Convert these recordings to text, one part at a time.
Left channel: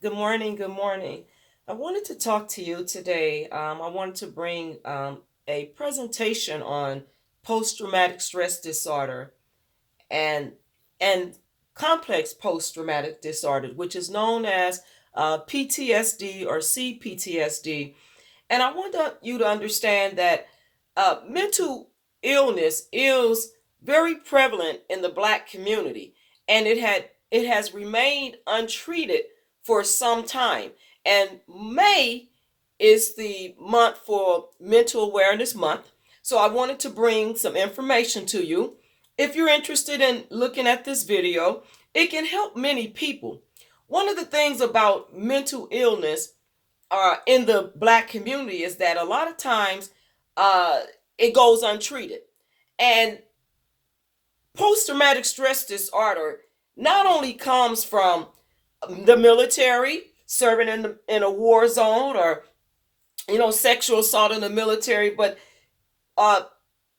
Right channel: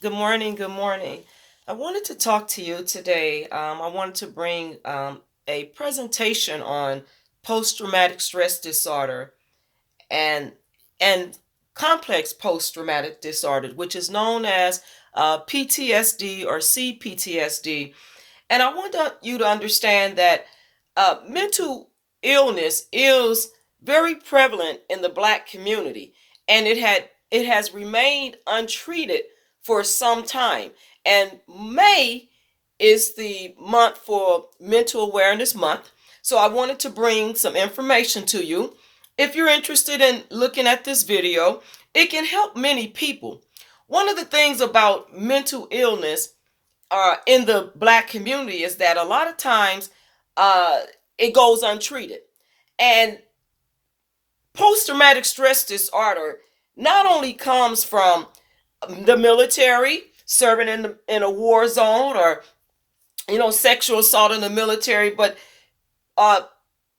Good morning. Good morning. I wanted to talk to you today. I wanted to bring a presentation on post-traumatic stress disorder and and complex post-traumatic disorder, which is known as PTSD or C-PTSD. And I want you to understand that mental illness is very prevalent in the Black community, and it has remained untreated for some time. And May is the month for Mental Awareness Month, so I wanted to bring some information to you. If you're interested in looking at this video, it can help many people. One of the things about mental illness in the Black community is that a lot of times uh, it goes untreated. And post traumatic stress disorder not only comes from the military, serving in a war zone, or sexual assault in the military, but uh,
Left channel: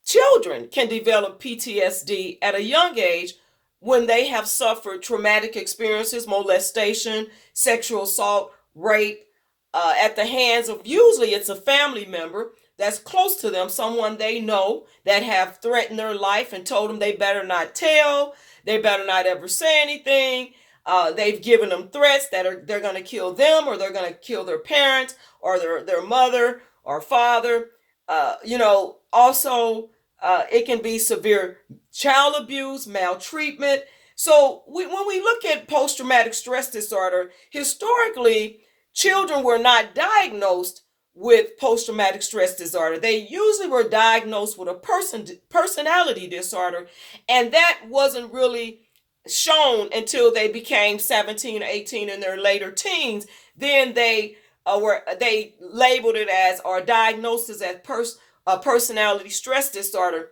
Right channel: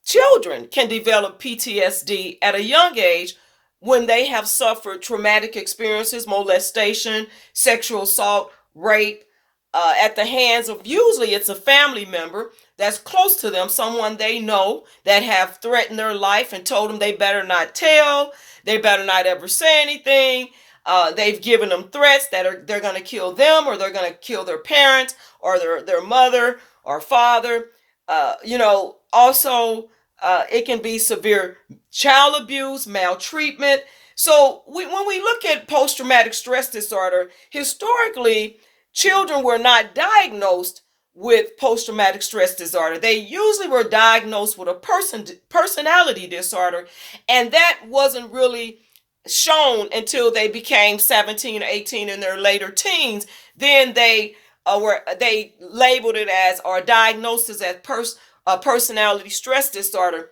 children can develop PTSD at a young age when they have suffered traumatic experiences, molestation, sexual assault, rape, at the hands of usually it's a family member that's close to them, someone they know that have threatened their life and told them they better not tell, they better not ever say anything. They've given them threats that they're going to kill them, or they're going to kill their parents or their mother or father. Also, it can be severe child abuse, maltreatment. So when we look at post-traumatic stress disorder, historically, children were not diagnosed with post-traumatic stress disorder. They usually were diagnosed with a personality disorder, and that wasn't really shown until they became 17 or 18 in their later teens. Then they labeled it as, or diagnosed as personality stress disorder,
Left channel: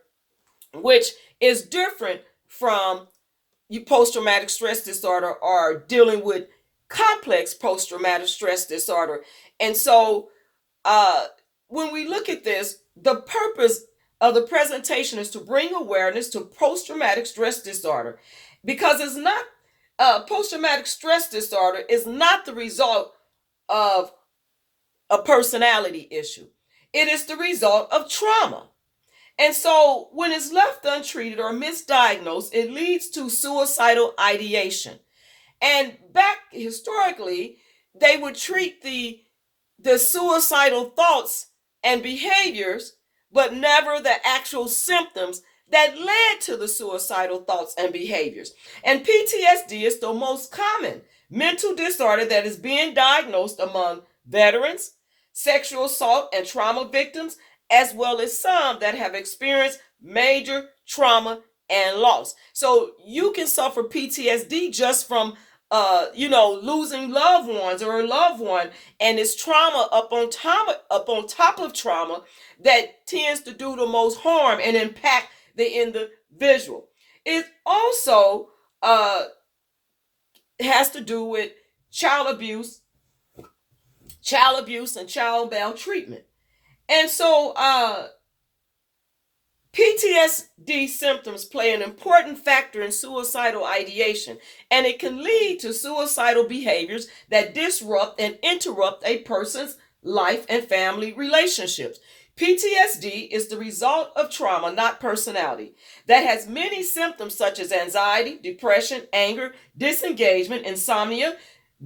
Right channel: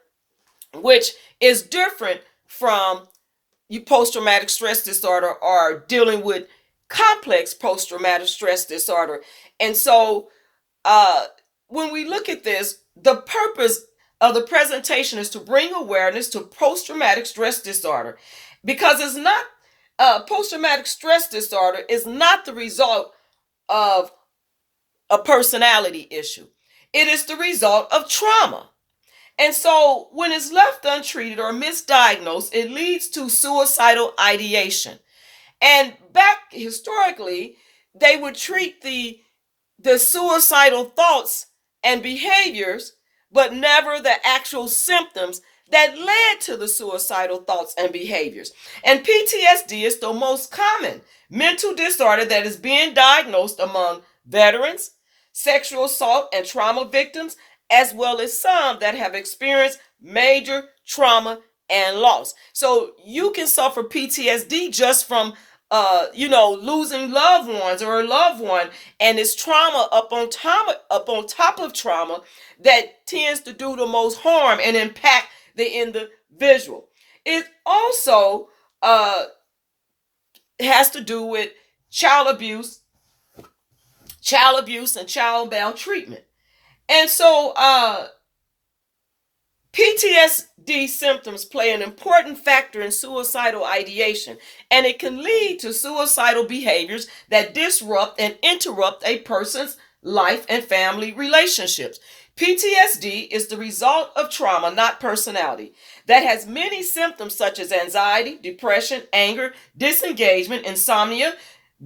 which is different from post-traumatic stress disorder or dealing with complex post-traumatic stress disorder. And so uh, when we look at this, the purpose of the presentation is to bring awareness to post-traumatic stress disorder, because it's not post-traumatic stress disorder is not the result of a personality issue. It is the result of trauma. And so when it's left untreated or misdiagnosed, it leads to suicidal ideation. And back historically, they would treat the suicidal thoughts and behaviors, but never the actual symptoms that led to the suicidal thoughts and behaviors. And PTSD is the most common mental disorder that is being diagnosed among veterans, sexual assault and trauma victims, as well as some that have experienced major trauma and loss. So you can suffer PTSD just from losing loved ones or a loved one, and it's trauma up on top of trauma that tends to do the most harm and impact the individual. It also has to do with child abuse, and child maltreatment. And so PTSD symptoms play an important factor in suicidal ideation, and it can lead to suicidal behaviors that disrupt and interrupt a person's life and family relationships. PTSD is the result of trauma, not personality, that has many symptoms such as anxiety, depression, anger, disengagement, insomnia,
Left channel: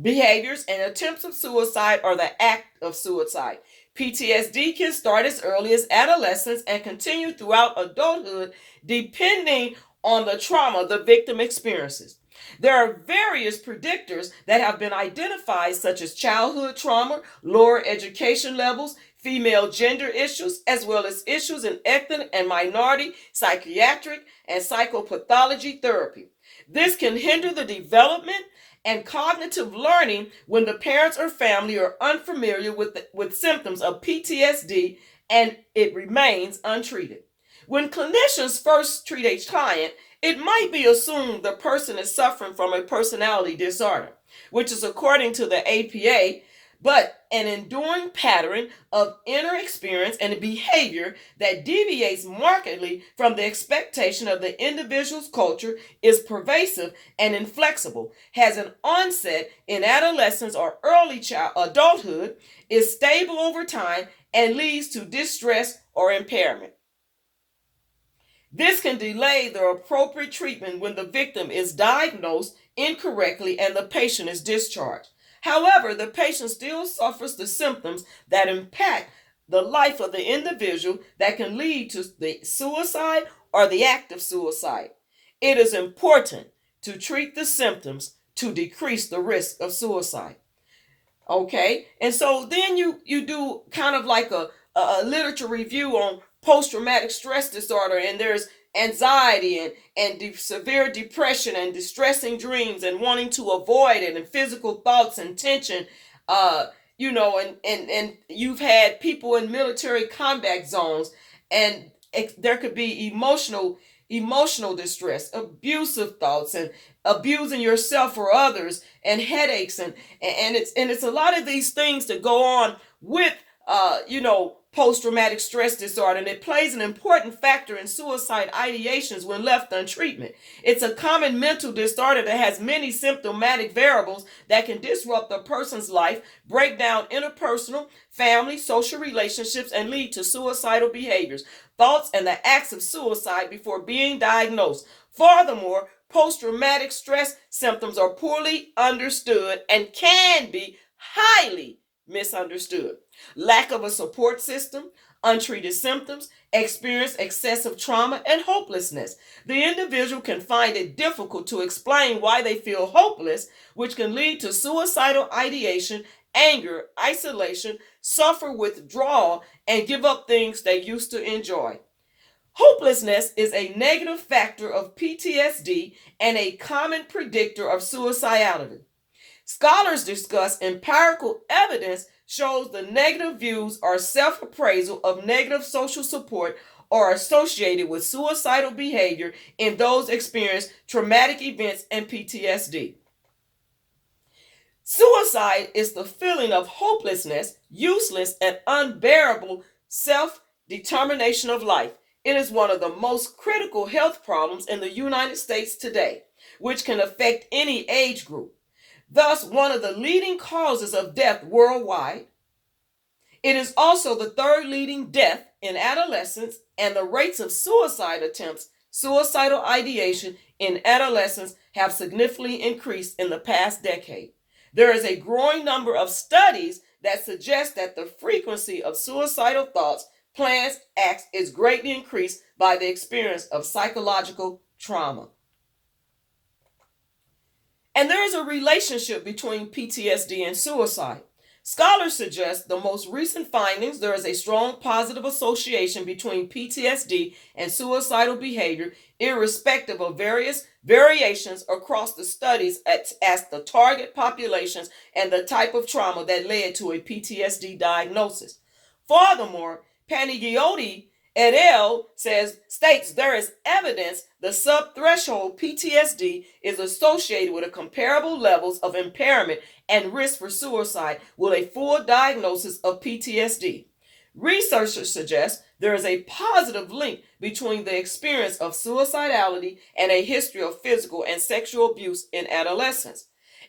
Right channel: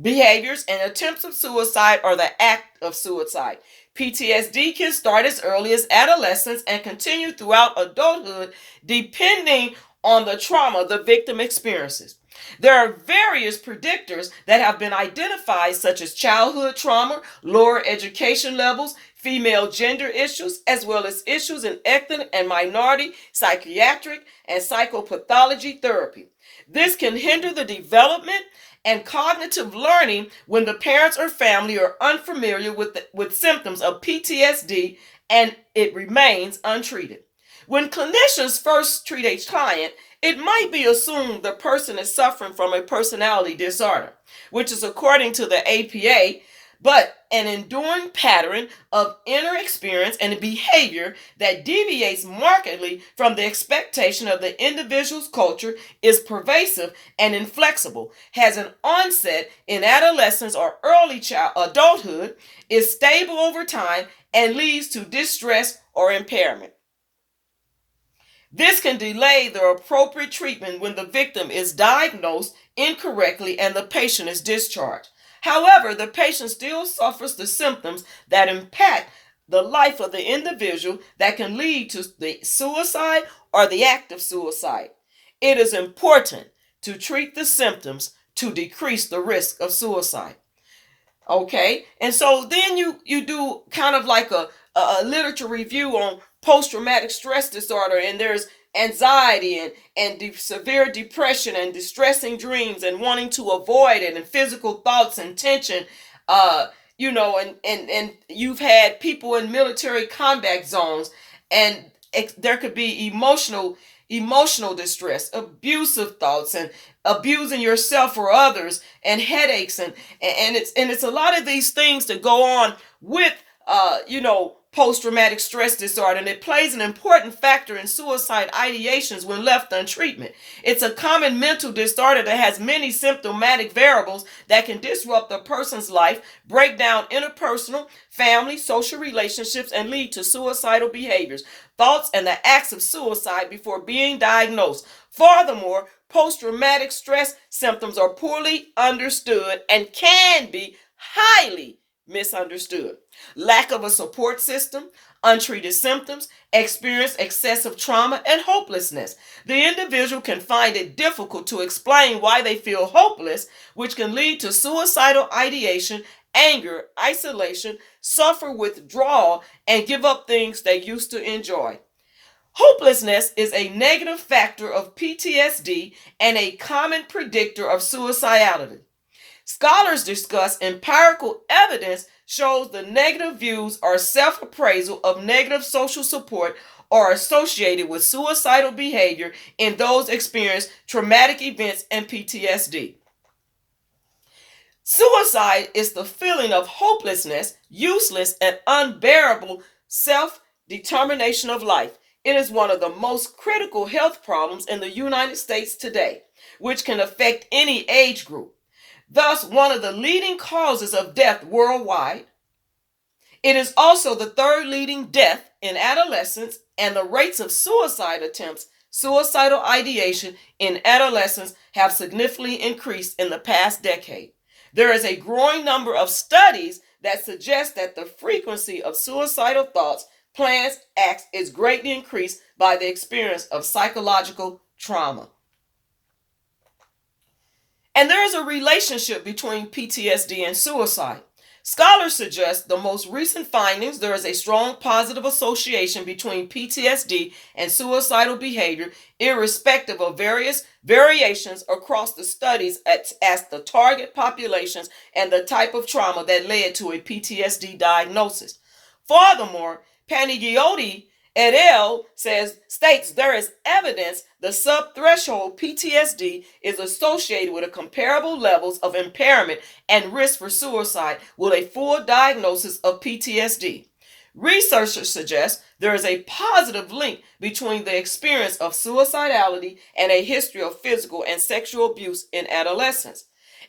behaviors, and attempts of suicide or the act of suicide. PTSD can start as early as adolescence and continue throughout adulthood, depending on the trauma the victim experiences. There are various predictors that have been identified, such as childhood trauma, lower education levels, female gender issues, as well as issues in ethnic and minority psychiatric and psychopathology therapy. This can hinder the development and cognitive learning when the parents or family are unfamiliar with symptoms of PTSD and it remains untreated. When clinicians first treat a client, it might be assumed the person is suffering from a personality disorder, which is according to the APA. but an enduring pattern of inner experience and behavior that deviates markedly from the expectation of the individual's culture, is pervasive and inflexible, has an onset in adolescence or early adulthood, is stable over time, and leads to distress or impairment. This can delay the appropriate treatment when the victim is diagnosed incorrectly and the patient is discharged. However, the patient still suffers the symptoms that impact the life of the individual that can lead to the suicide or the act of suicide. It is important to treat the symptoms to decrease the risk of suicide. Okay, and so then you do kind of like a literature review on post-traumatic stress disorder, and there's anxiety and severe depression and distressing dreams and wanting to avoid it, and physical thoughts and tension, uh and you've had people in military combat zones, and there could be emotional distress, abusive thoughts, and abusing yourself or others, and headaches, and it's a lot of these things that go on with post-traumatic stress disorder, and it plays an important factor in suicide ideations when left untreated. It's a common mental disorder that has many symptomatic variables that can disrupt a person's life, break down interpersonal, family, social relationships, and lead to suicidal behaviors, thoughts, and the acts of suicide before being diagnosed. Furthermore, post-traumatic stress symptoms are poorly understood and can be highly misunderstood. Lack of a support system, untreated symptoms, experience excessive trauma, and hopelessness. The individual can find it difficult to explain why they feel hopeless, which can lead to suicidal ideation, anger, isolation, suffer withdrawal, and give up things they used to enjoy. Hopelessness is a negative factor of PTSD and a common predictor of suicidality. Scholars discuss empirical evidence shows the negative views or self-appraisal of negative social support are associated with suicidal behavior in those experiencing traumatic events and PTSD. Suicide is the feeling of hopelessness, useless, and unbearable self-determination of life. It is one of the most critical health problems in the United States today, which can affect any age group. Thus, one of the leading causes of death worldwide. It is also the third leading death in adolescence, and the rates of suicide attempts, suicidal ideation in adolescents have significantly increased in the past decade. There is a growing number of studies that suggest that the frequency of suicidal thoughts, plans, acts is greatly increased by the experience of psychological trauma. And there is a relationship between PTSD and suicide. Scholars suggest the most recent findings there is a strong positive association between PTSD and suicidal behavior, irrespective of various variations across the studies as the target populations and the type of trauma that led to a PTSD diagnosis. Furthermore, Panigiotti et al. States there is evidence the subthreshold PTSD is associated with a comparable levels of impairment and risk for suicide with a full diagnosis of PTSD. Researchers suggest there is a positive link between the experience of suicidality and a history of physical and sexual abuse in adolescence.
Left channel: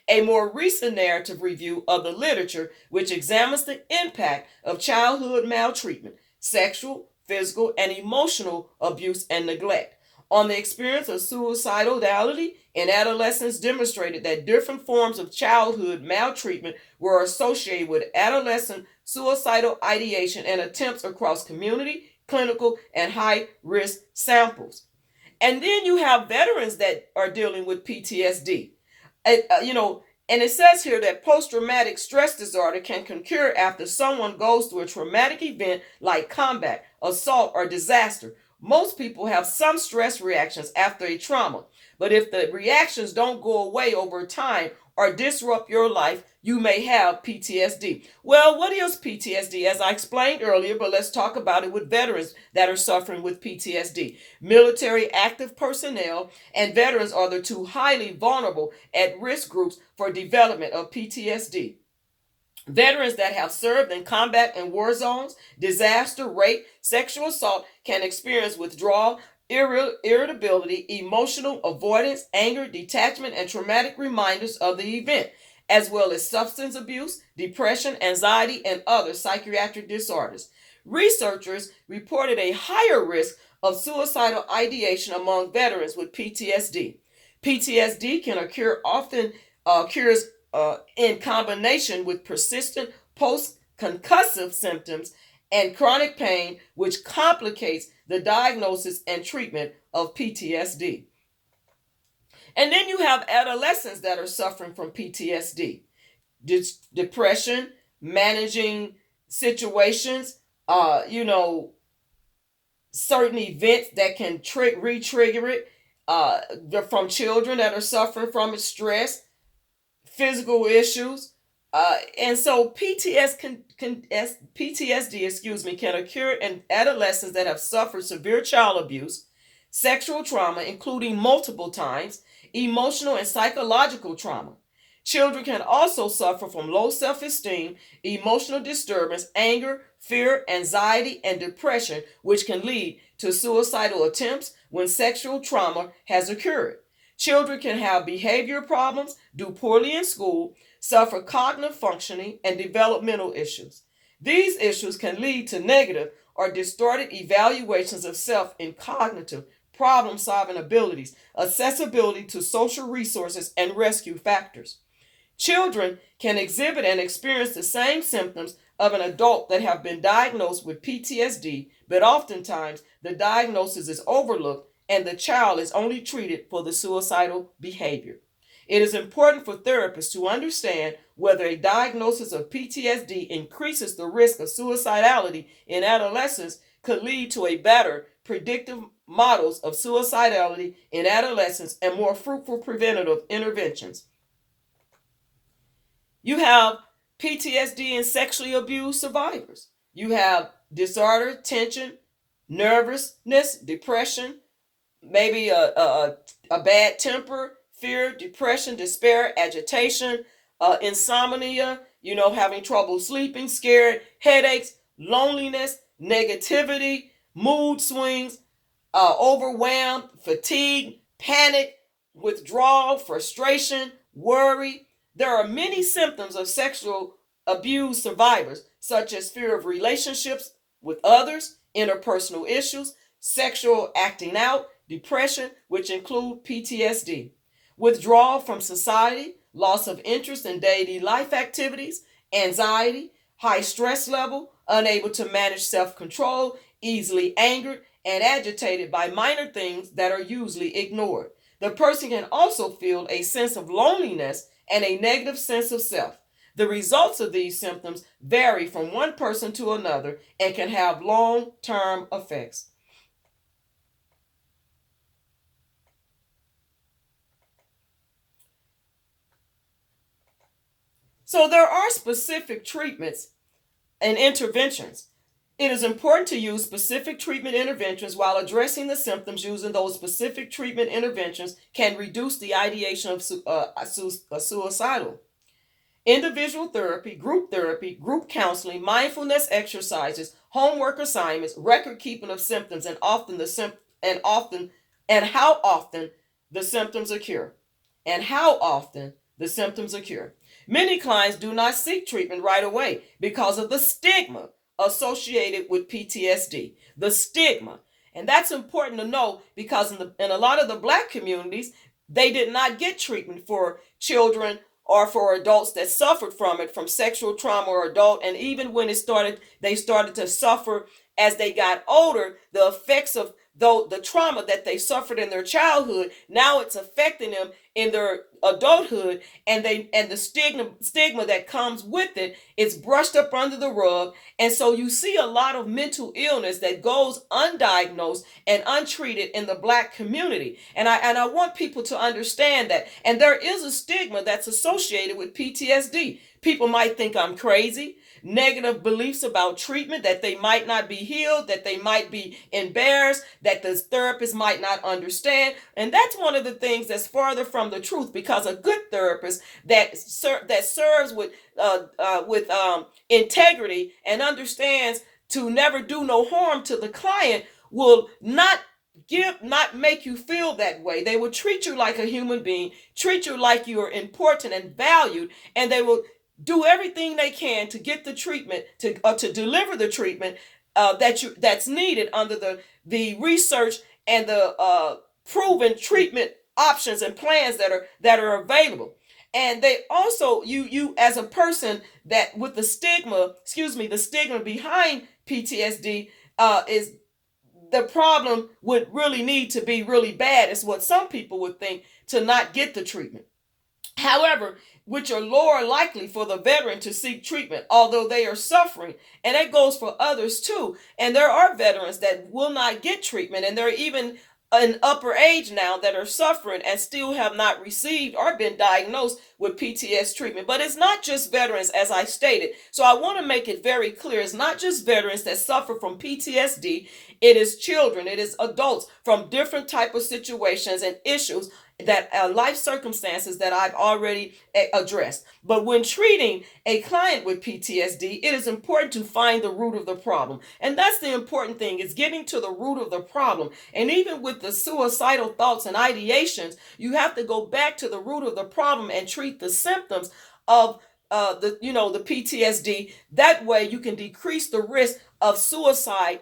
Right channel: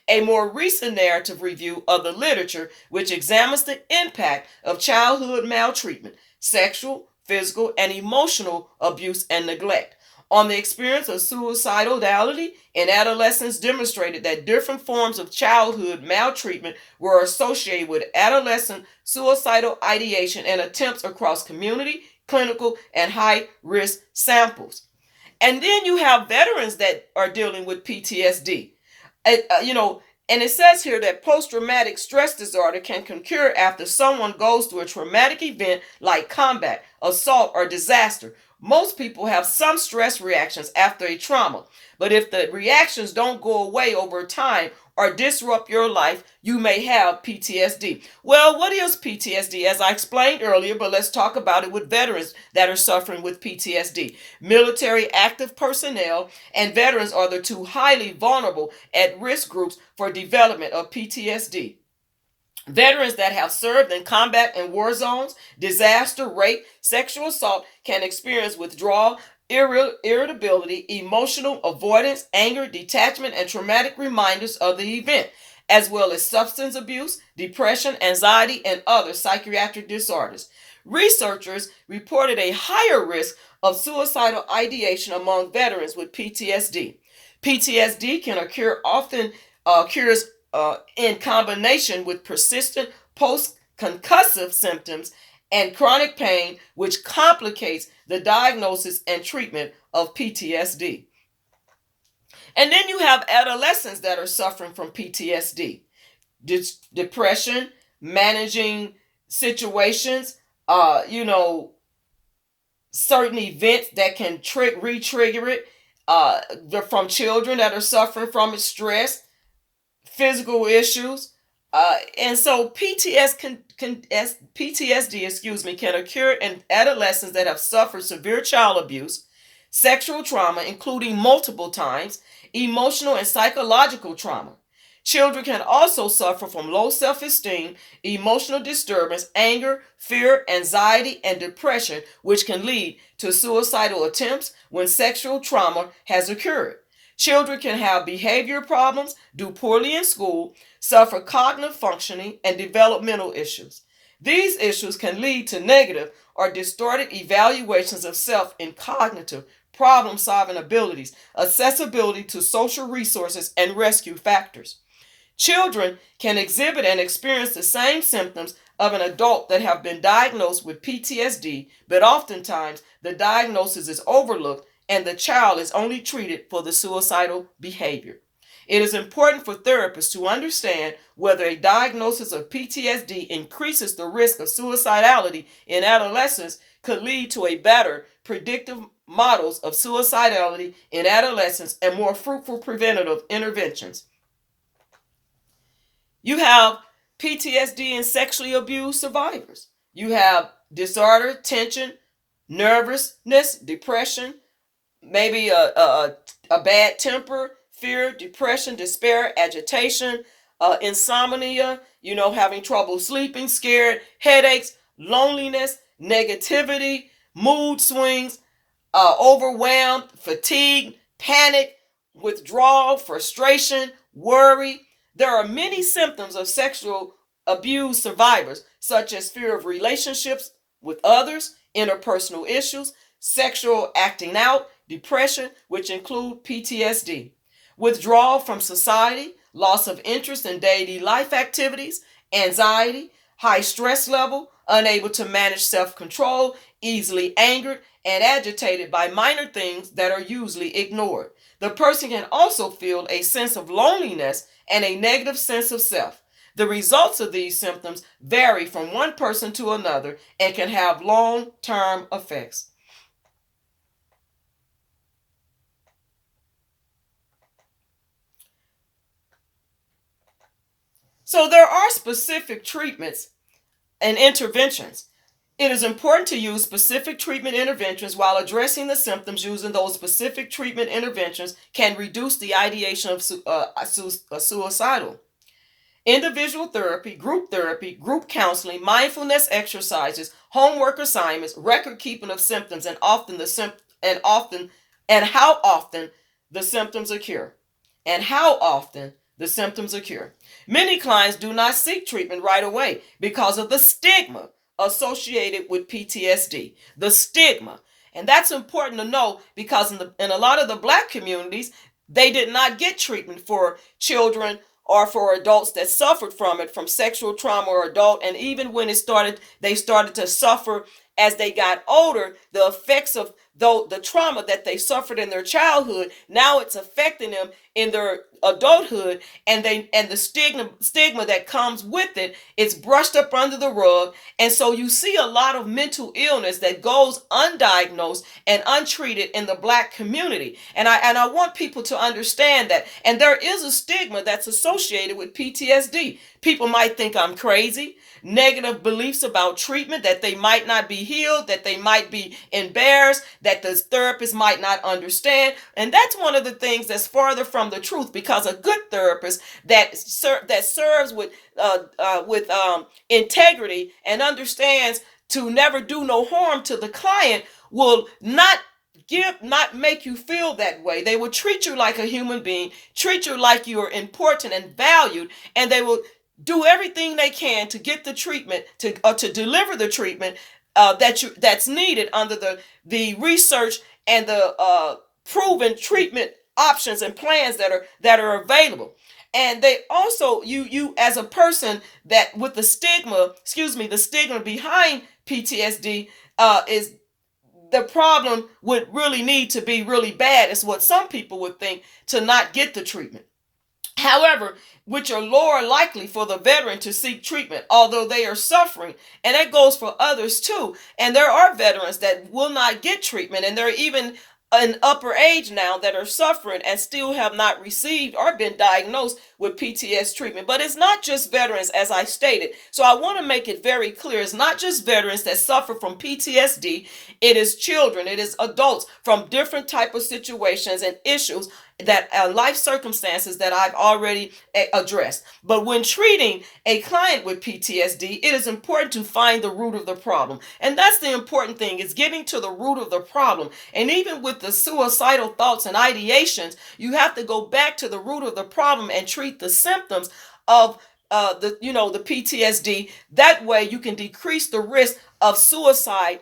A more recent narrative review of the literature, which examines the impact of childhood maltreatment, sexual, physical, and emotional abuse and neglect on the experience of suicidality in adolescents, demonstrated that different forms of childhood maltreatment were associated with adolescent suicidal ideation and attempts across community, clinical, and high-risk samples. And then you have veterans that are dealing with PTSD. And it says here that post-traumatic stress disorder can occur after someone goes through a traumatic event like combat, assault, or disaster. Most people have some stress reactions after a trauma, but if the reactions don't go away over time or disrupt your life, you may have PTSD. Well, what is PTSD? As I explained earlier, but let's talk about it with veterans that are suffering with PTSD. Military active personnel and veterans are the two highly vulnerable at risk groups for development of PTSD. Veterans that have served in combat and war zones, disaster, rape, sexual assault can experience withdrawal, irritability, emotional avoidance, anger, detachment, and traumatic reminders of the event, as well as substance abuse, depression, anxiety, and other psychiatric disorders. Researchers reported a higher risk of suicidal ideation among veterans with PTSD. PTSD can occur often occurs in combination with persistent post-concussive symptoms and chronic pain, which complicates the diagnosis and treatment of PTSD. And then you have adolescents that are suffering from PTSD, depression, managing situations, certain events that can re-trigger it. From children that are suffering from it, stress, physical issues. And so PTSD, can occur in adolescents that have suffered severe child abuse, sexual trauma, including multiple times, emotional and psychological trauma. Children can also suffer from low self-esteem, emotional disturbance, anger, fear, anxiety, and depression, which can lead to suicidal attempts when sexual trauma has occurred. Children can have behavior problems, do poorly in school, suffer cognitive functioning, and developmental issues. These issues can lead to negative or distorted evaluations of self in cognitive, problem-solving abilities, accessibility to social resources, and rescue factors. Children can exhibit and experience the same symptoms of an adult that have been diagnosed with PTSD, but oftentimes the diagnosis is overlooked and the child is only treated for the suicidal behavior. It is important for therapists to understand whether a diagnosis of PTSD increases the risk of suicidality in adolescents could lead to a better predictive models of suicidality in adolescents and more fruitful preventative interventions. You have PTSD and sexually abused survivors. You have disorder, tension, nervousness, depression, maybe a bad temper, fear, depression, despair, agitation, insomnia, having trouble sleeping, scared, headaches, loneliness, negativity, mood swings, overwhelmed, fatigue, panic, withdrawal, frustration, worry. There are many symptoms of sexual abuse survivors, such as fear of relationships with others, interpersonal issues, sexual acting out, depression, which include PTSD, withdrawal from society, loss of interest in daily life activities, anxiety, high stress level, unable to manage self-control, easily angered and agitated by minor things that are usually ignored. The person can also feel a sense of loneliness and a negative sense of self. The results of these symptoms vary from one person to another and can have long-term effects. So there are specific treatments and interventions. It is important to use specific treatment interventions while addressing the symptoms. Using those specific treatment interventions can reduce the ideation of suicidal. Individual therapy, group counseling, mindfulness exercises, homework assignments, record keeping of symptoms, and how often the symptoms occur. Many clients do not seek treatment right away because of the stigma associated with PTSD. The stigma. And that's important to know because in a lot of the Black communities, they did not get treatment for children or for adults that suffered from it, from sexual trauma or adult. And even when they started to suffer as they got older, the effects of the trauma that they suffered in their childhood, now it's affecting them in their adulthood, and the stigma that comes with it, it's brushed up under the rug. And so you see a lot of mental illness that goes undiagnosed and untreated in the Black community. And I want people to understand that. And there is a stigma that's associated with PTSD. People might think I'm crazy. Negative beliefs about treatment, that they might not be healed, that they might be embarrassed, that the therapist might not understand. And that's one of the things that's farther from from the truth, because a good therapist that serves with integrity and understands to never do no harm to the client will not make you feel that way. They will treat you like a human being, treat you like you are important and valued, and they will do everything they can to get the treatment to deliver the treatment that's needed under the research and the proven treatment options and plans that are available. And they also, you as a person that with the stigma behind PTSD, is the problem would really need to be really bad, is what some people would think, to not get the treatment. However, which are lower likely for the veteran to seek treatment, although they are suffering. And that goes for others too. And there are veterans that will not get treatment, and there are even an upper age now that are suffering and still have not received or been diagnosed with PTSD treatment. But it's not just veterans, as I stated. So I want to make it very clear. It's not just veterans that suffer from PTSD. It is children, it is adults from different type of situations and issues, that life circumstances that I've already addressed. But when treating a client with PTSD, it is important to find the root of the problem. And that's the important thing, is getting to the root of the problem. And even with the suicidal thoughts and ideations, you have to go back to the root of the problem and treat the symptoms of the PTSD. That way you can decrease the risk of suicide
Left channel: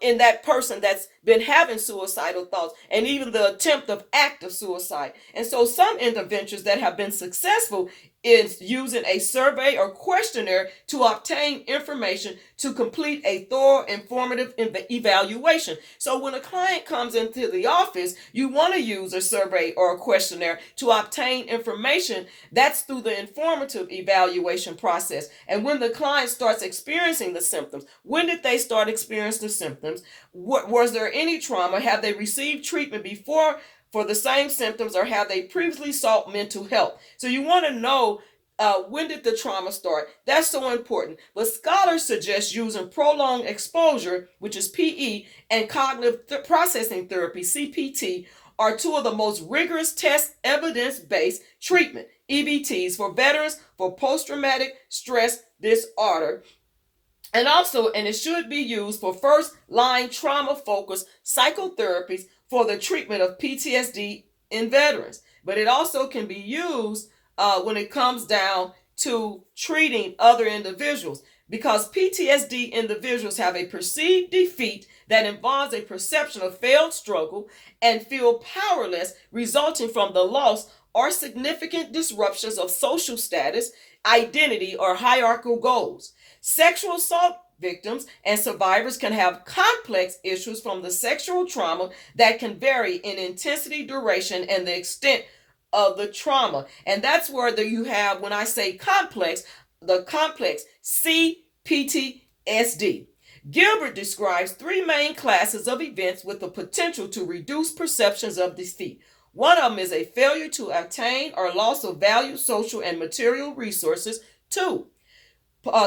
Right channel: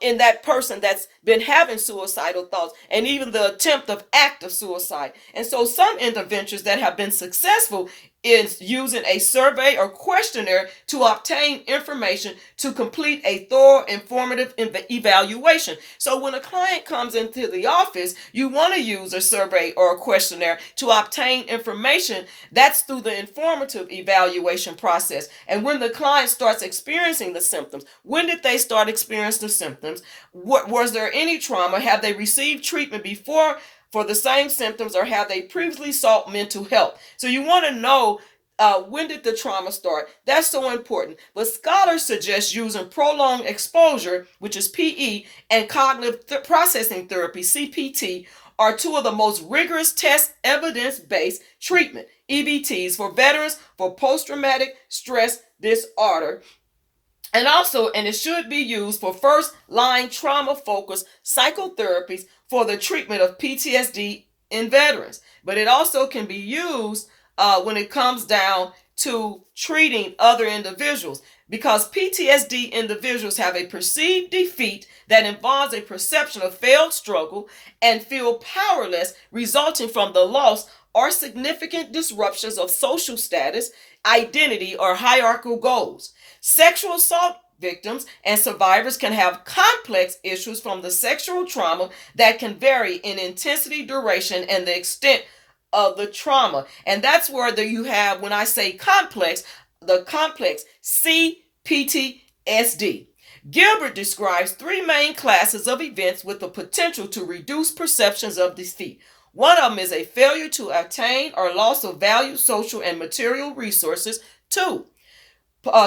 in that person that's been having suicidal thoughts, and even the attempt of act of suicide. And so some interventions that have been successful is using a survey or questionnaire to obtain information to complete a thorough, informative evaluation. So when a client comes into the office, you want to use a survey or a questionnaire to obtain information. That's through the informative evaluation process. And when the client starts experiencing the symptoms, when did they start experiencing the symptoms? Was there any trauma? Have they received treatment before for the same symptoms, or have they previously sought mental health? So you want to know when did the trauma start? That's so important. But scholars suggest using prolonged exposure, which is PE, and cognitive processing therapy, CPT, are two of the most rigorous test evidence-based treatment, EBTs, for veterans for post-traumatic stress disorder. And it should be used for first-line trauma-focused psychotherapies for the treatment of PTSD in veterans. But it also can be used when it comes down to treating other individuals, because PTSD individuals have a perceived defeat that involves a perception of failed struggle and feel powerless, resulting from the loss or significant disruptions of social status, identity, or hierarchical goals. Sexual assault victims and survivors can have complex issues from the sexual trauma that can vary in intensity, duration, and the extent of the trauma. And that's where you have, when I say complex, the complex C-PTSD. Gilbert describes three main classes of events with the potential to reduce perceptions of defeat. One of them is a failure to attain or loss of value, social, and material resources. 2,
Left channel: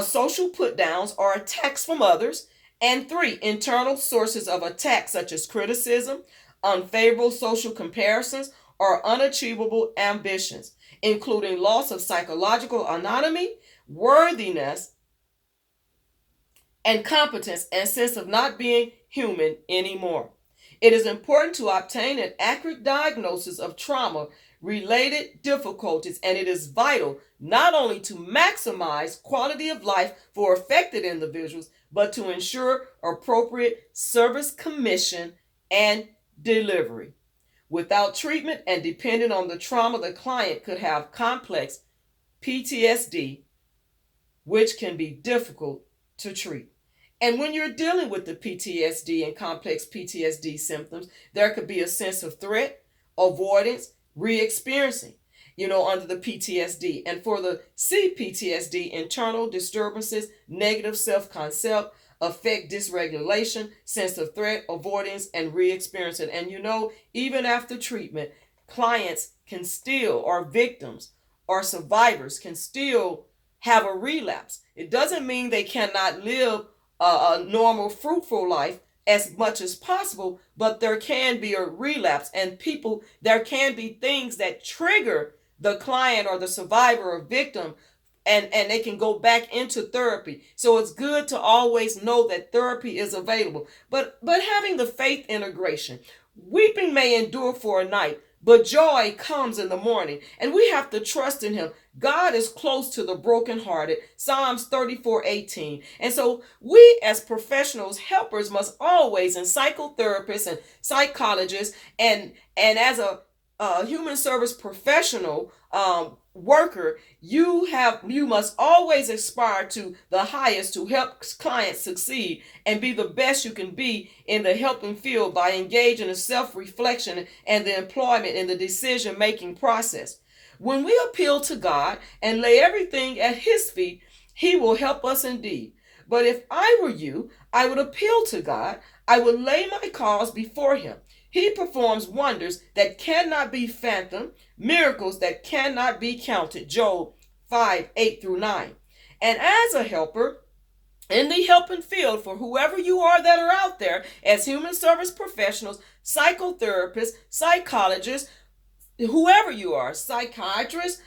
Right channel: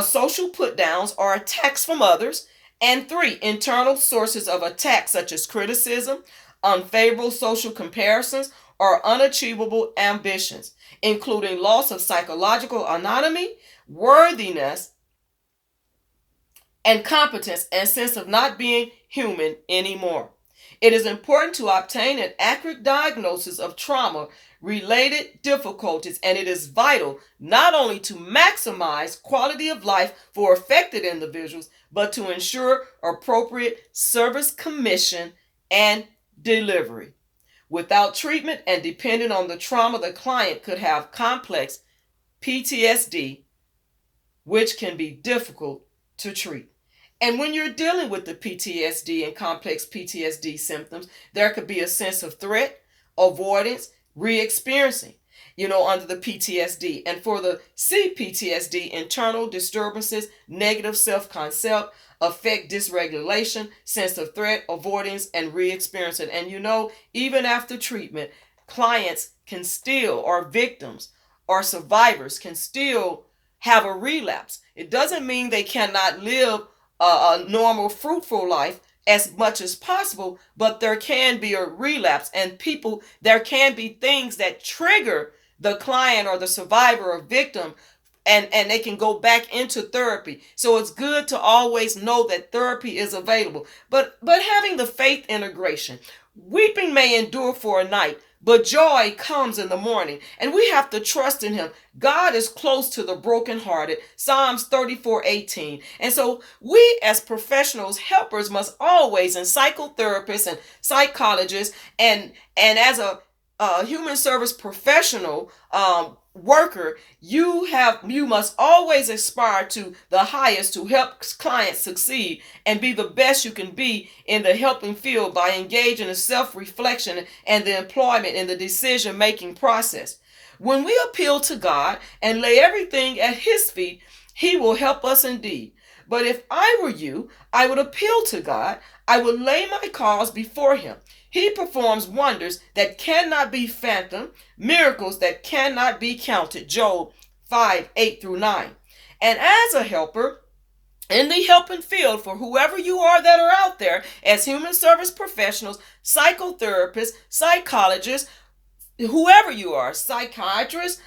social put-downs or attacks from others. And 3, internal sources of attack, such as criticism, unfavorable social comparisons, or unachievable ambitions, including loss of psychological autonomy, worthiness, and competence, and sense of not being human anymore. It is important to obtain an accurate diagnosis of trauma-related difficulties, and it is vital not only to maximize quality of life for affected individuals, but to ensure appropriate service commission and delivery. Without treatment and depending on the trauma, the client could have complex PTSD, which can be difficult to treat. And when you're dealing with the PTSD and complex PTSD symptoms, there could be a sense of threat, avoidance, re-experiencing, under the PTSD. And for the C-PTSD, internal disturbances, negative self-concept, affect dysregulation, sense of threat, avoidance, and re-experiencing. And even after treatment, clients can still, or victims or survivors can still have a relapse. It doesn't mean they cannot live a normal, fruitful life as much as possible, but there can be a relapse, and there can be things that trigger the client or the survivor or victim, and they can go back into therapy. So it's good to always know that therapy is available. But having the faith integration, weeping may endure for a night, but joy comes in the morning, and we have to trust in him. God is close to the brokenhearted. Psalms 34:18. And so we as professionals, helpers, must always, and psychotherapists and psychologists, and as a human service professional, worker, you must always aspire to the highest to help clients succeed and be the best you can be in the helping field by engaging in self-reflection and the employment in the decision-making process. When we appeal to God and lay everything at his feet, he will help us indeed. But if I were you, I would appeal to God. I would lay my cause before him. He performs wonders that cannot be fathomed, miracles that cannot be counted. Job 5:8-9. And as a helper in the helping field, for whoever you are that are out there, as human service professionals, psychotherapists, psychologists, whoever you are, psychiatrists,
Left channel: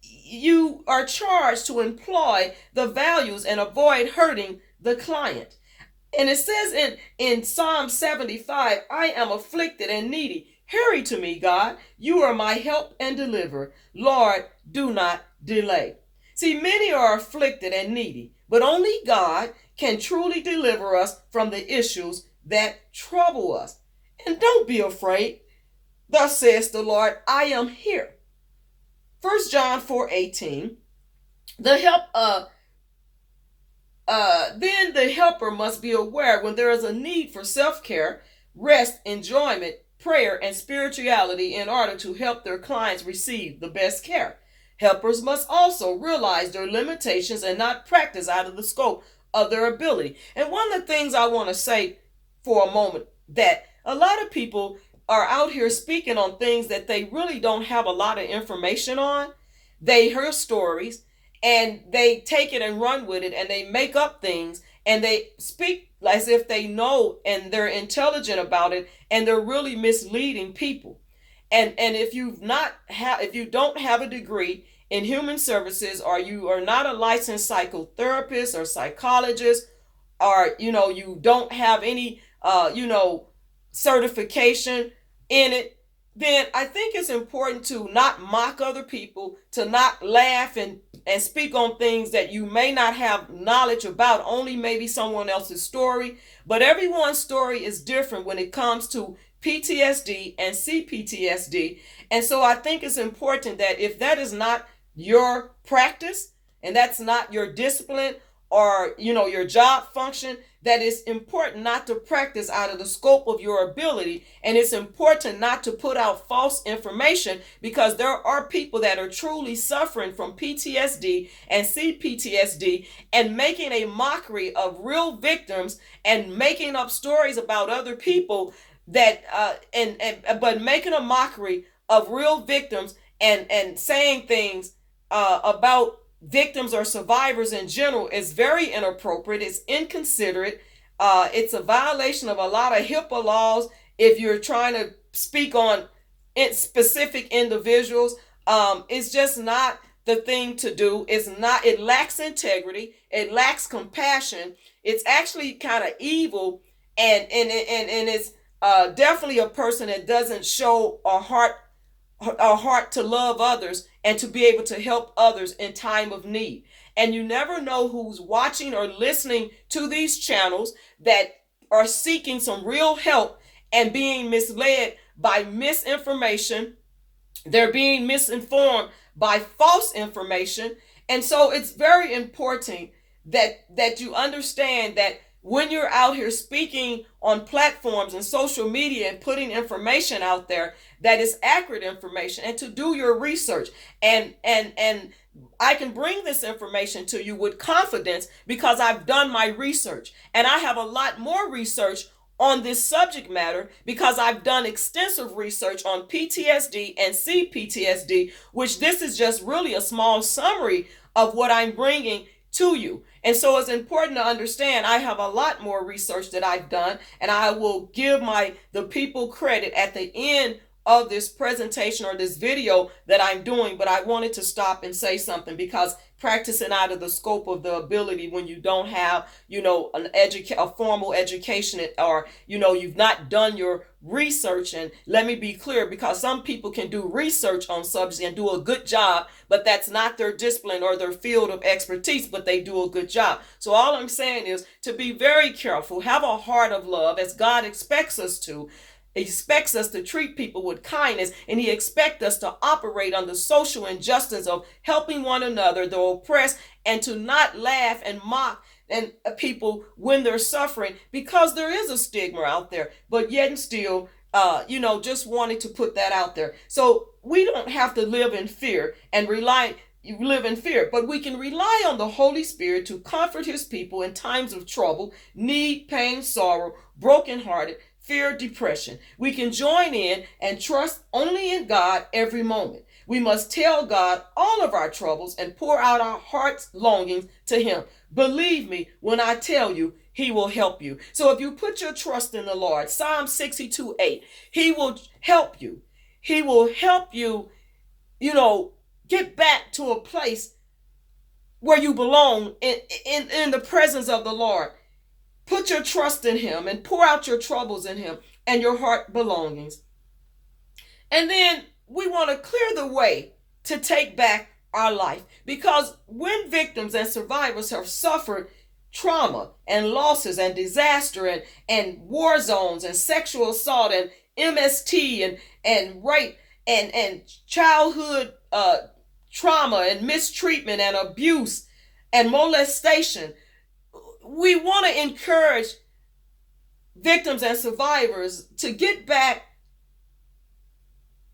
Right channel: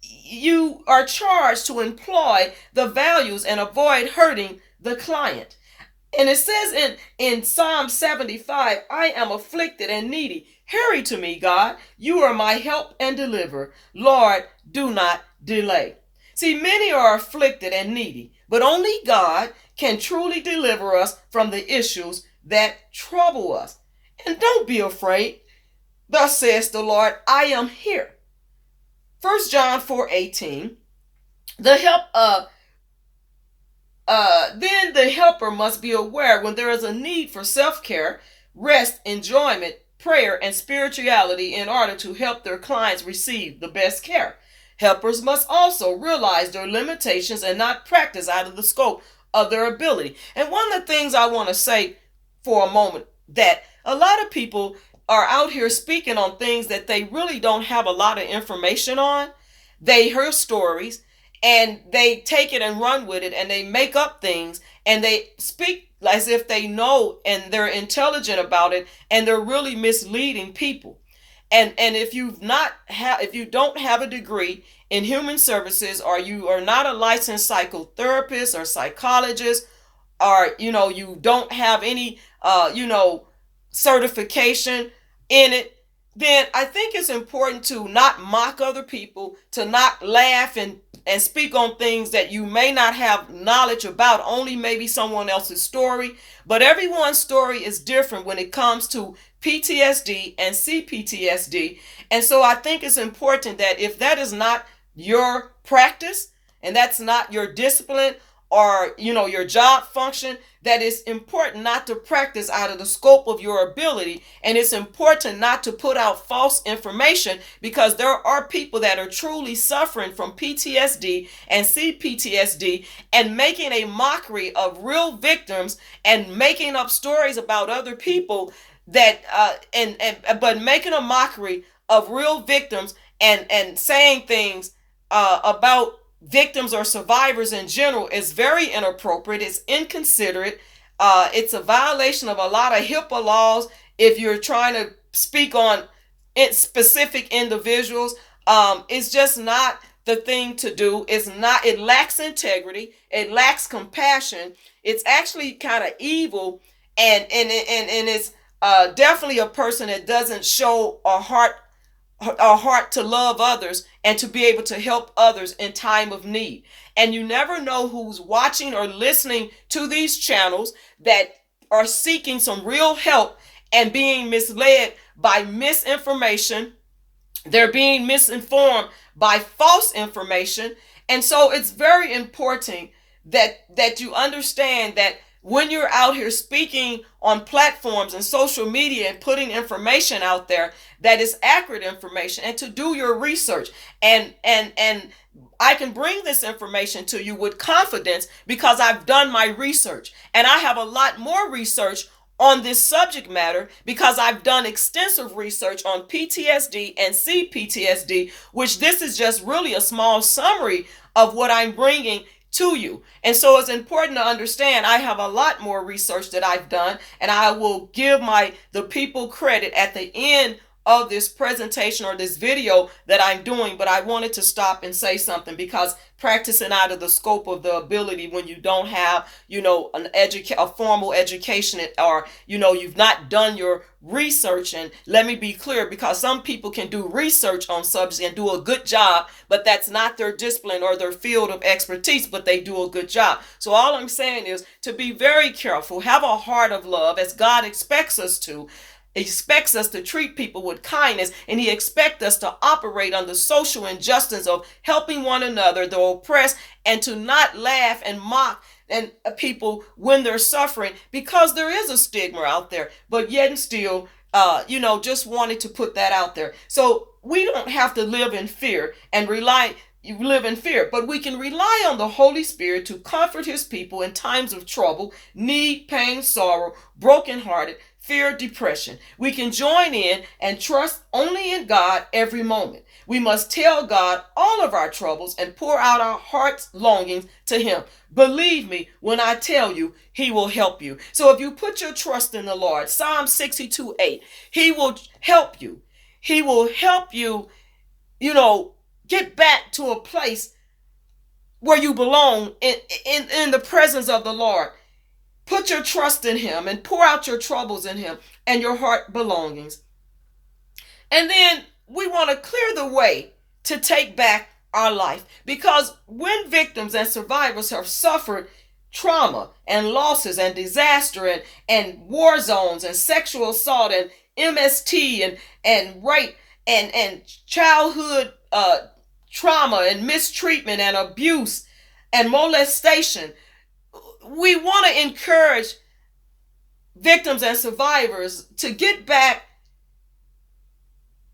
you are charged to employ the values and avoid hurting the client. And it says in Psalm 75, I am afflicted and needy. Hurry to me, God. You are my help and deliverer. Lord, do not delay. See, many are afflicted and needy, but only God can truly deliver us from the issues that trouble us. And don't be afraid. Thus says the Lord, I am here. 1 John 4:18. Then the helper must be aware when there is a need for self-care, rest, enjoyment, prayer, and spirituality in order to help their clients receive the best care. Helpers must also realize their limitations and not practice out of the scope of their ability. And one of the things I want to say for a moment, that a lot of people are out here speaking on things that they really don't have a lot of information on. They hear stories and they take it and run with it, and they make up things and they speak as if they know and they're intelligent about it, and they're really misleading people. And if if you don't have a degree in human services, or you are not a licensed psychotherapist or psychologist, or you don't have any certification in it, then I think it's important to not mock other people, to not laugh and speak on things that you may not have knowledge about, only maybe someone else's story. But everyone's story is different when it comes to PTSD and C-PTSD. And so I think it's important that if that is not your practice and that's not your discipline or your job function, that it's important not to practice out of the scope of your ability. And it's important not to put out false information, because there are people that are truly suffering from PTSD and C-PTSD and making a mockery of real victims and making up stories about other people that but making a mockery of real victims and saying things about victims or survivors in general is very inappropriate. It's inconsiderate. It's a violation of a lot of HIPAA laws if you're trying to speak on specific individuals. It's just not the thing to do. It lacks integrity. It lacks compassion. It's actually kind of evil, and it's definitely a person that doesn't show a heart to love others and to be able to help others in time of need. And you never know who's watching or listening to these channels that are seeking some real help and being misled by misinformation. They're being misinformed by false information. And so it's very important that you understand that when you're out here speaking on platforms and social media and putting information out there, that is accurate information, and to do your research. And I can bring this information to you with confidence because I've done my research, and I have a lot more research on this subject matter because I've done extensive research on PTSD and C-PTSD, which this is just really a small summary of what I'm bringing to you. And so it's important to understand I have a lot more research that I've done, and I will give the people credit at the end of this presentation or this video that I'm doing. But I wanted to stop and say something, because practicing out of the scope of the ability when you don't have, a formal education, or, you've not done your research. And let me be clear, because some people can do research on subjects and do a good job, but that's not their discipline or their field of expertise, but they do a good job. So all I'm saying is to be very careful, have a heart of love as God expects us to. He expects us to treat people with kindness, and he expects us to operate under social injustice of helping one another, the oppressed, and to not laugh and mock and people when they're suffering, because there is a stigma out there. But yet and still, just wanted to put that out there. So we don't have to live in fear and live in fear, but we can rely on the Holy Spirit to comfort his people in times of trouble, need, pain, sorrow, brokenhearted, fear, depression. We can join in and trust only in God every moment. We must tell God all of our troubles and pour out our heart's longings to him. Believe me when I tell you, he will help you. So if you put your trust in the Lord, Psalm 62:8, he will help you. He will help you, get back to a place where you belong in the presence of the Lord. Put your trust in him and pour out your troubles in him and your heart belongings. And then we want to clear the way to take back our life, because when victims and survivors have suffered trauma and losses and disaster and war zones and sexual assault and MST and rape and childhood trauma and mistreatment and abuse and molestation, we want to encourage victims and survivors to get back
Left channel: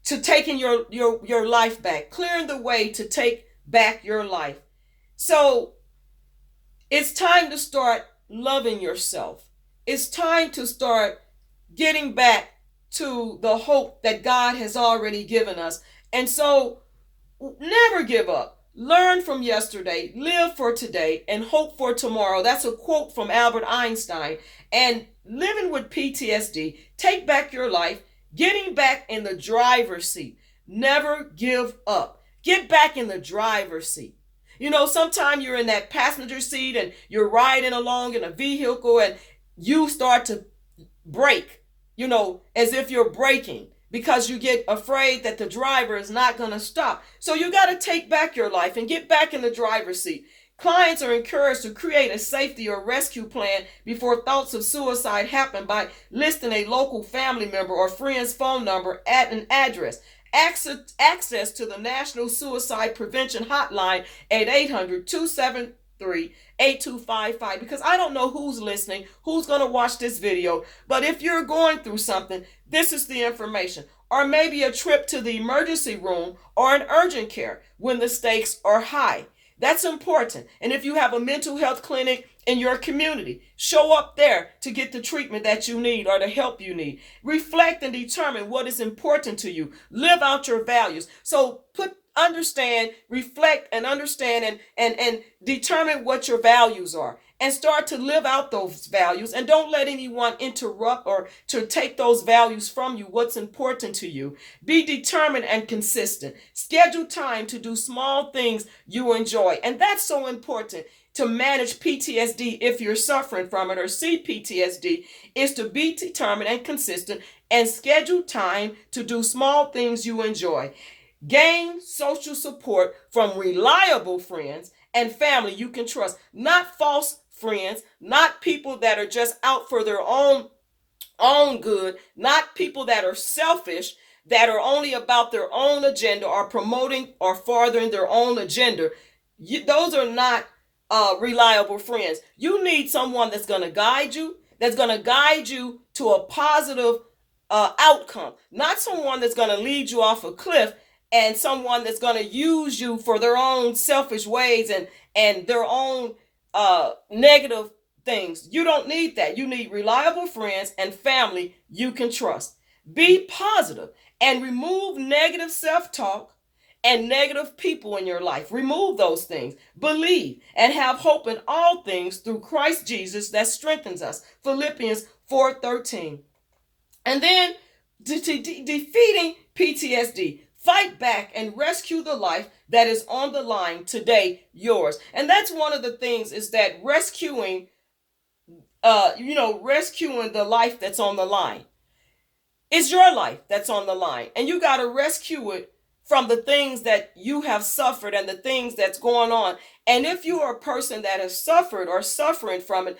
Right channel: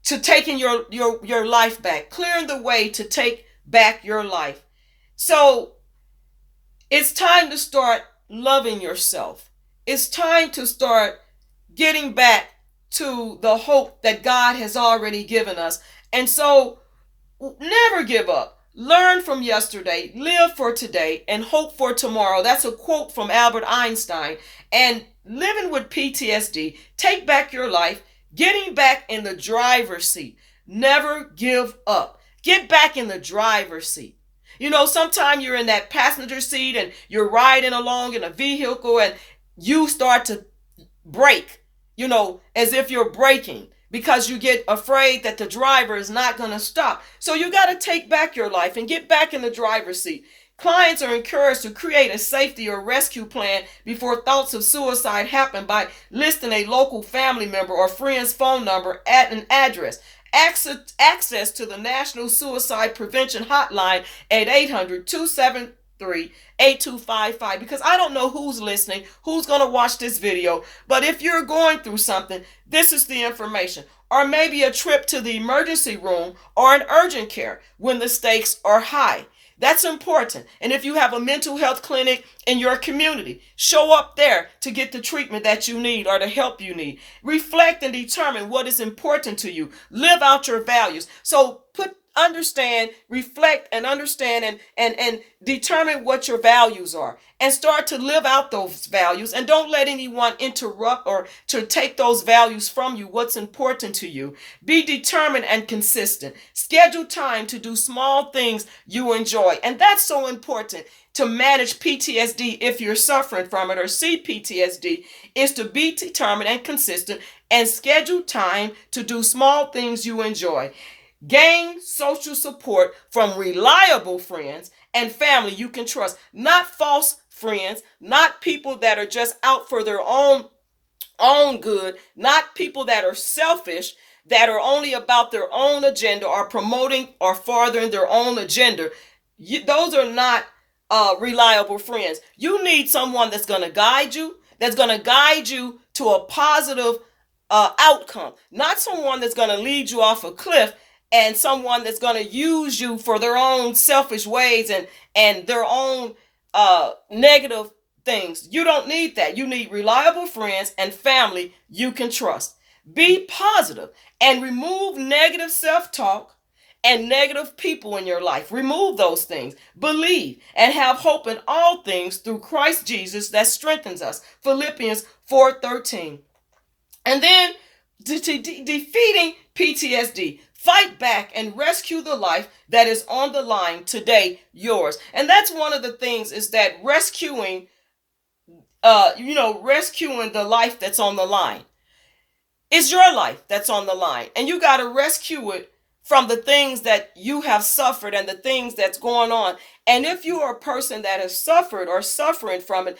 to taking your life back, clearing the way to take back your life. So it's time to start loving yourself. It's time to start getting back to the hope that God has already given us. And so never give up. Learn from yesterday, live for today, and hope for tomorrow. That's a quote from Albert Einstein. And living with PTSD, take back your life, getting back in the driver's seat. Never give up. Get back in the driver's seat. Sometimes you're in that passenger seat and you're riding along in a vehicle and you start to brake, as if you're braking, because you get afraid that the driver is not going to stop. So you got to take back your life and get back in the driver's seat. Clients are encouraged to create a safety or rescue plan before thoughts of suicide happen by listing a local family member or friend's phone number at an address. Access to the National Suicide Prevention Hotline at 800-273-8255, because I don't know who's listening, who's going to watch this video, but if you're going through something, this is the information. Or maybe a trip to the emergency room or an urgent care when the stakes are high. That's important. And if you have a mental health clinic in your community, show up there to get the treatment that you need or the help you need. Reflect and determine what is important to you. Live out your values. So reflect and understand and determine what your values are, and start to live out those values, and don't let anyone interrupt or to take those values from you. What's important to you. Be determined and consistent. Schedule time to do small things you enjoy. And that's so important to manage PTSD if you're suffering from it, or C-PTSD, is to be determined and consistent and schedule time to do small things you enjoy. Gain social support from reliable friends and family you can trust, not false friends, not people that are just out for their own good, not people that are selfish, that are only about their own agenda or promoting or furthering their own agenda. Those are not reliable friends. You need someone that's going to guide you, to a positive outcome, not someone that's going to lead you off a cliff, and someone that's going to use you for their own selfish ways and their own negative things. You don't need that. You need reliable friends and family you can trust. Be positive and remove negative self-talk and negative people in your life. Remove those things. Believe and have hope in all things through Christ Jesus that strengthens us. Philippians 4:13. And then defeating PTSD. Fight back and rescue the life that is on the line today, yours. And that's one of the things, is that rescuing the life that's on the line. It's your life that's on the line, and you got to rescue it from the things that you have suffered and the things that's going on. And if you are a person that has suffered or suffering from it,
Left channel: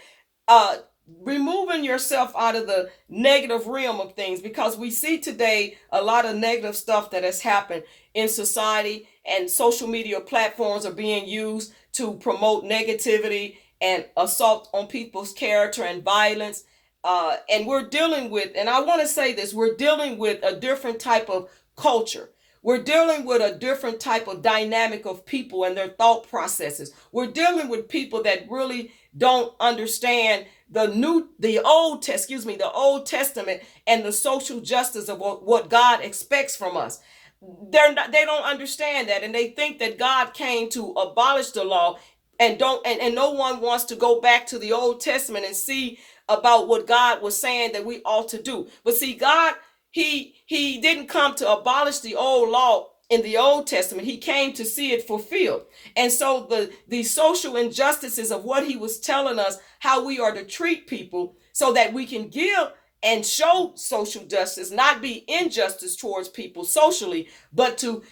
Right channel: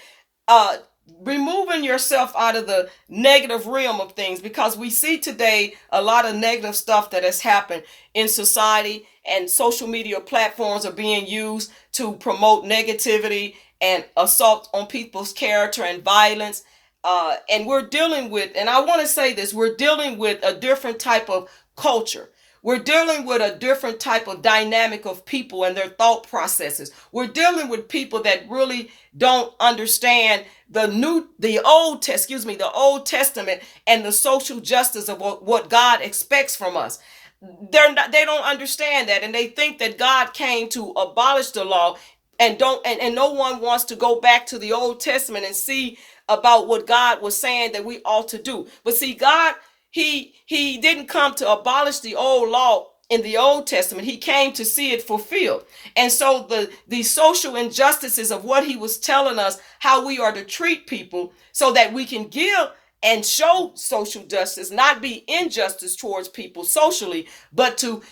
uh, removing yourself out of the negative realm of things, because we see today a lot of negative stuff that has happened in society, and social media platforms are being used to promote negativity and assault on people's character and violence. And we're dealing with, and I want to say this, we're dealing with a different type of culture. We're dealing with a different type of dynamic of people and their thought processes. We're dealing with people that really don't understand the Old Testament and the social justice of what God expects from us. They don't understand that, and they think that God came to abolish the law, and no one wants to go back to the Old Testament and see about what God was saying that we ought to do. But see, God, he didn't come to abolish the old law in the Old Testament. He came to see it fulfilled. And so the social injustices of what he was telling us, how we are to treat people, so that we can give and show social justice, not be injustice towards people socially, but to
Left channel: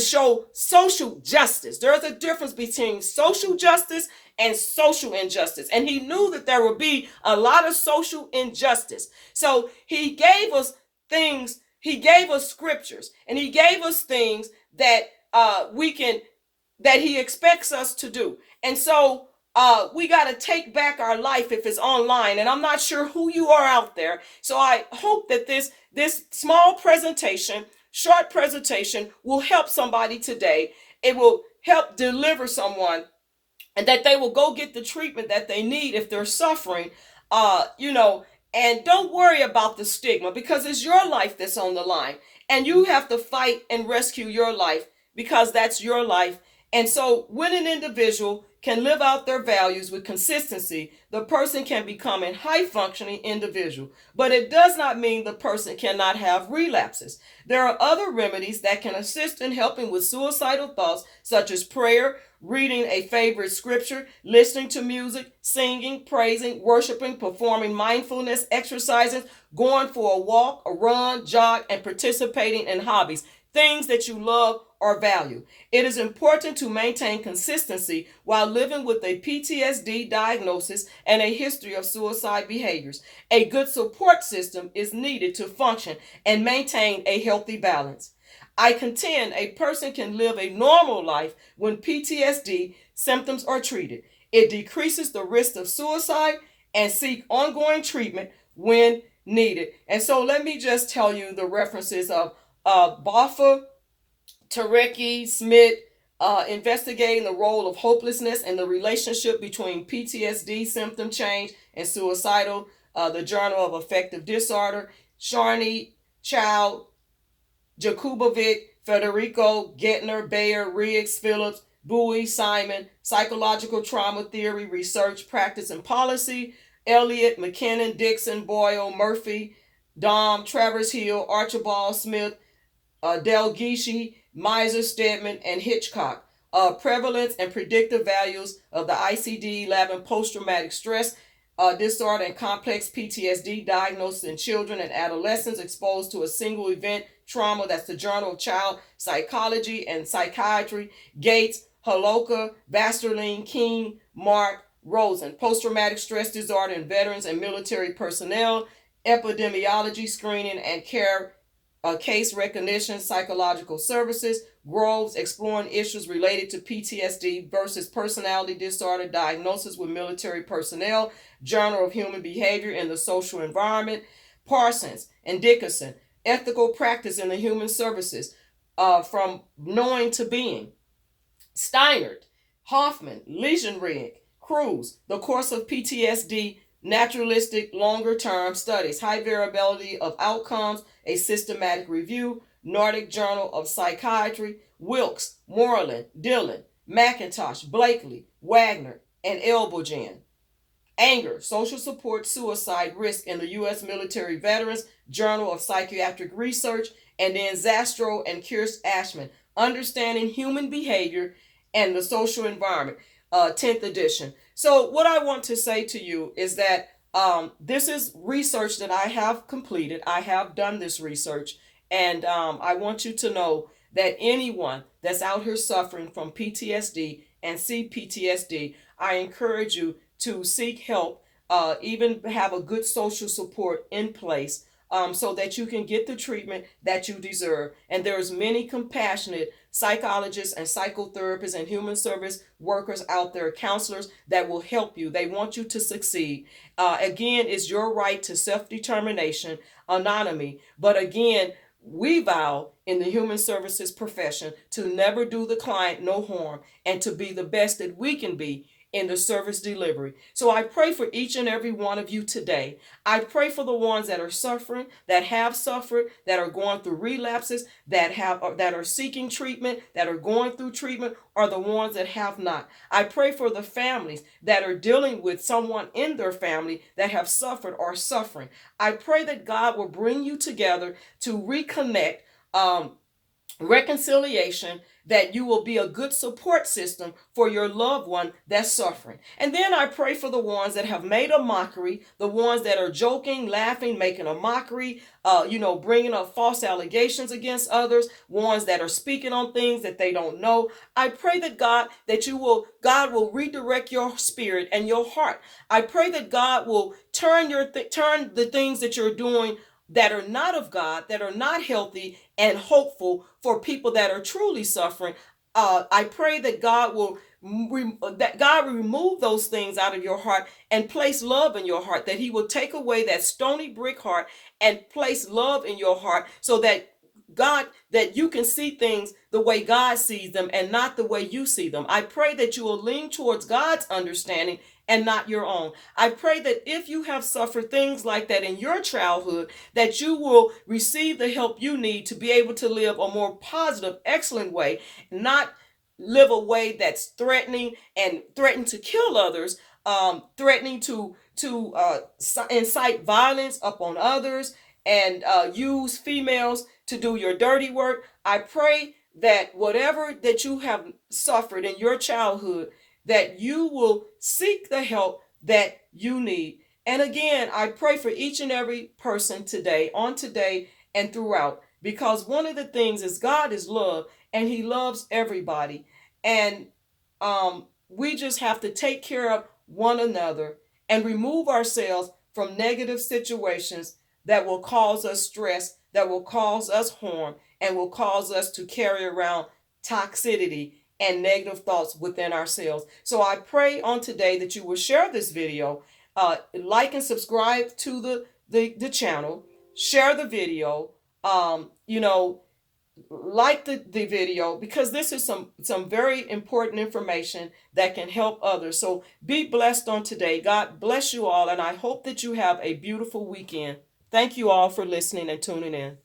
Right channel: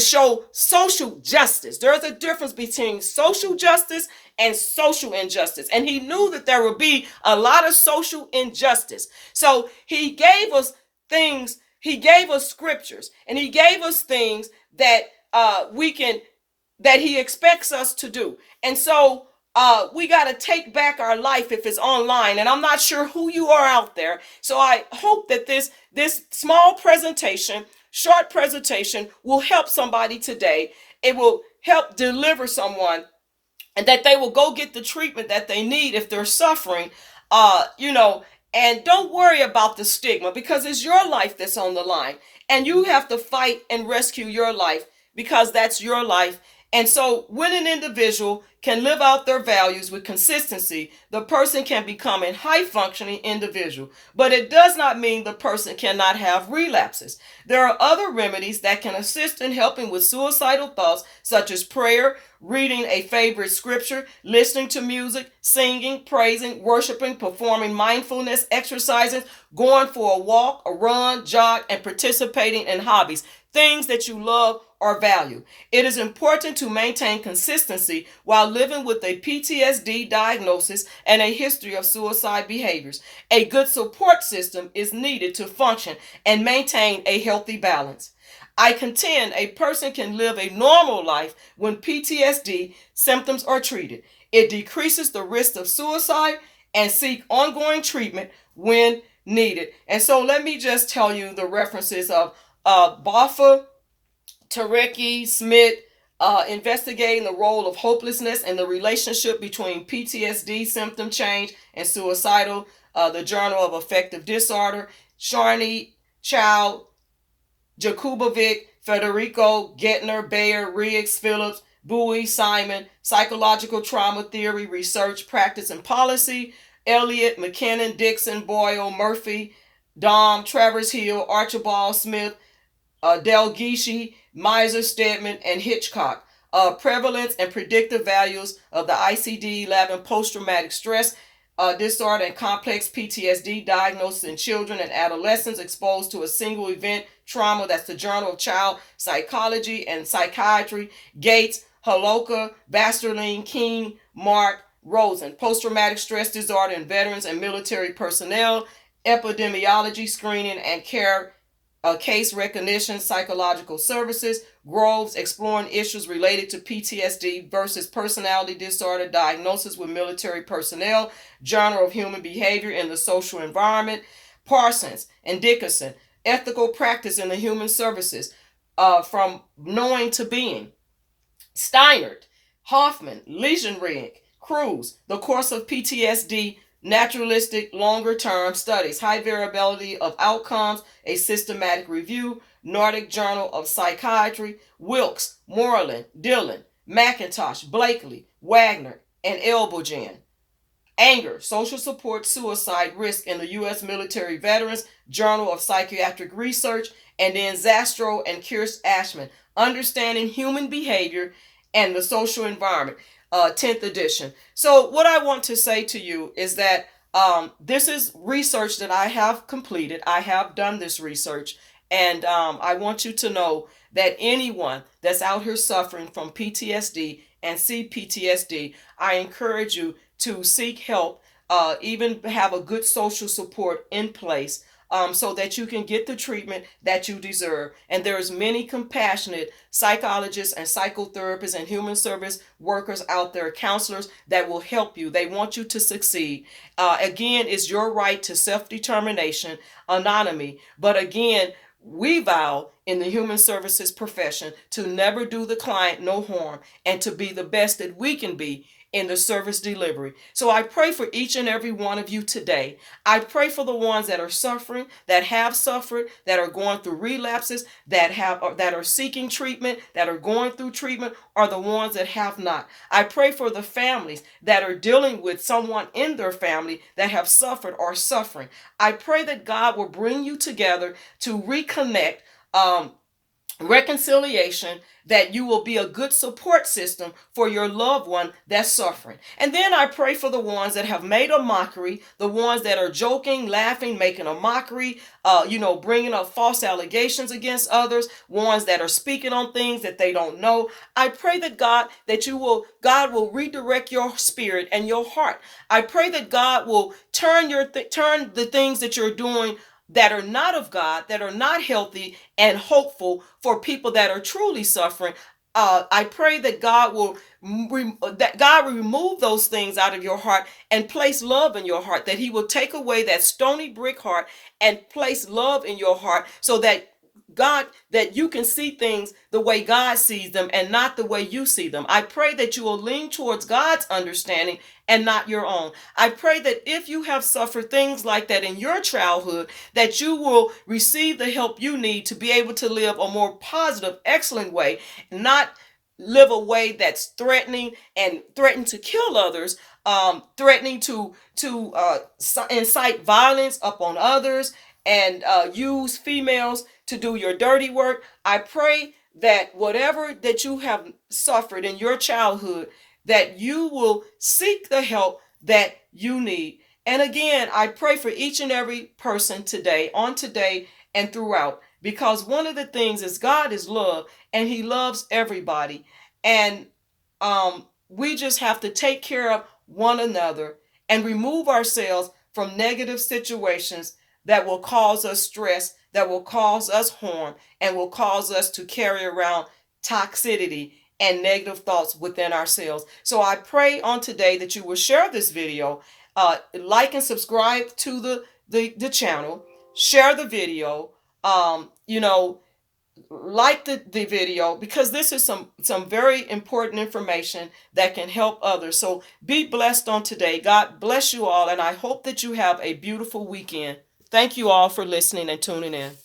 show social justice. There's a difference between social justice and social injustice. And he knew that there would be a lot of social injustice. So he gave us things, he gave us scriptures, and he gave us things that that he expects us to do. And so we got to take back our life if it's online. And I'm not sure who you are out there. So I hope that this small presentation, short presentation, will help somebody today. It will help deliver someone, and that they will go get the treatment that they need if they're suffering. And don't worry about the stigma, because it's your life that's on the line, and you have to fight and rescue your life, because that's your life. And so when an individual can live out their values with consistency, the person can become a high functioning individual. But it does not mean the person cannot have relapses. There are other remedies that can assist in helping with suicidal thoughts, such as prayer, reading a favorite scripture, listening to music, singing, praising, worshiping, performing mindfulness exercises, going for a walk, a run, jog, and participating in hobbies, things that you love or value. It is important to maintain consistency while living with a PTSD diagnosis and a history of suicide behaviors. A good support system is needed to function and maintain a healthy balance. I contend a person can live a normal life when PTSD symptoms are treated. It decreases the risk of suicide and seek ongoing treatment when needed. And so let me just tell you the references of Boffa, Tareki, Smith, investigating the role of hopelessness and the relationship between PTSD symptom change and suicidal, the Journal of Affective Disorder, Sharney, Child, Jakubovic, Federico, Gettner, Bayer, Riggs, Phillips, Bowie, Simon, Psychological Trauma Theory, Research, Practice, and Policy, Elliott, McKinnon, Dixon, Boyle, Murphy, Dom, Travers Hill, Archibald Smith, Delgishi, Miser, Stedman, and Hitchcock. Prevalence and predictive values of the ICD-11 post-traumatic stress disorder and complex PTSD diagnosis in children and adolescents exposed to a single event trauma. That's the Journal of Child Psychology and Psychiatry. Gates, Holoka, Basterling, King, Mark, Rosen. Post-traumatic stress disorder in veterans and military personnel. Epidemiology, screening, and care. Case recognition, psychological services. Groves, exploring issues related to PTSD versus personality disorder diagnosis with military personnel. Journal of Human Behavior in the Social Environment. Parsons and Dickerson, ethical practice in the human services, from knowing to being. Steinert, Hoffman, Legenrig, Cruz, the course of PTSD, naturalistic longer-term studies, high variability of outcomes, a systematic review, Nordic Journal of Psychiatry, Wilkes, Moreland, Dillon, McIntosh, Blakely, Wagner, and Elbogen. Anger, Social Support, Suicide Risk in the U.S. Military Veterans, Journal of Psychiatric Research, and then Zastro and Kirst Ashman, Understanding Human Behavior and the Social Environment, 10th edition. So what I want to say to you is that this is research that I have completed. I have done this research, and I want you to know that anyone that's out here suffering from PTSD and C-PTSD, I encourage you to seek help, even have a good social support in place, so that you can get the treatment that you deserve. And there's many compassionate psychologists and psychotherapists and human service workers out there, counselors that will help you. They want you to succeed. Again, it's your right to self-determination, autonomy. But again, we vow in the human services profession to never do the client no harm and to be the best that we can be in the service delivery. So I pray for each and every one of you today. I pray for the ones that are suffering, that have suffered, that are going through relapses, that are seeking treatment, that are going through treatment, or the ones that have not. I pray for the families that are dealing with someone in their family that have suffered or suffering. I pray that God will bring you together to reconnect, reconciliation, that you will be a good support system for your loved one that's suffering. And then I pray for the ones that have made a mockery, the ones that are joking, laughing, making a mockery, bringing up false allegations against others, ones that are speaking on things that they don't know. I pray that God will redirect your spirit and your heart. I pray that God will turn the things that you're doing that are not of God, that are not healthy and hopeful for people that are truly suffering. I pray that God will remove those things out of your heart and place love in your heart, that he will take away that stony brick heart and place love in your heart, so that you can see things the way God sees them and not the way you see them. I pray that you will lean towards God's understanding and not your own. I pray that if you have suffered things like that in your childhood, that you will receive the help you need to be able to live a more positive, excellent way, not live a way that's threatening to kill others, threatening to incite violence upon others, and use females to do your dirty work. I pray that whatever that you have suffered in your childhood, that you will seek the help that you need. And again, I pray for each and every person today, and throughout, because one of the things is God is love, and he loves everybody. And we just have to take care of one another and remove ourselves from negative situations that will cause us stress, that will cause us harm, and will cause us to carry around toxicity and negative thoughts within ourselves. So I pray on today that you will share this video, like and subscribe to the channel, share the video, like the video, because this is some very important information that can help others. So be blessed on today. God bless you all, and I hope that you have a beautiful weekend. Thank you all for listening and tuning in.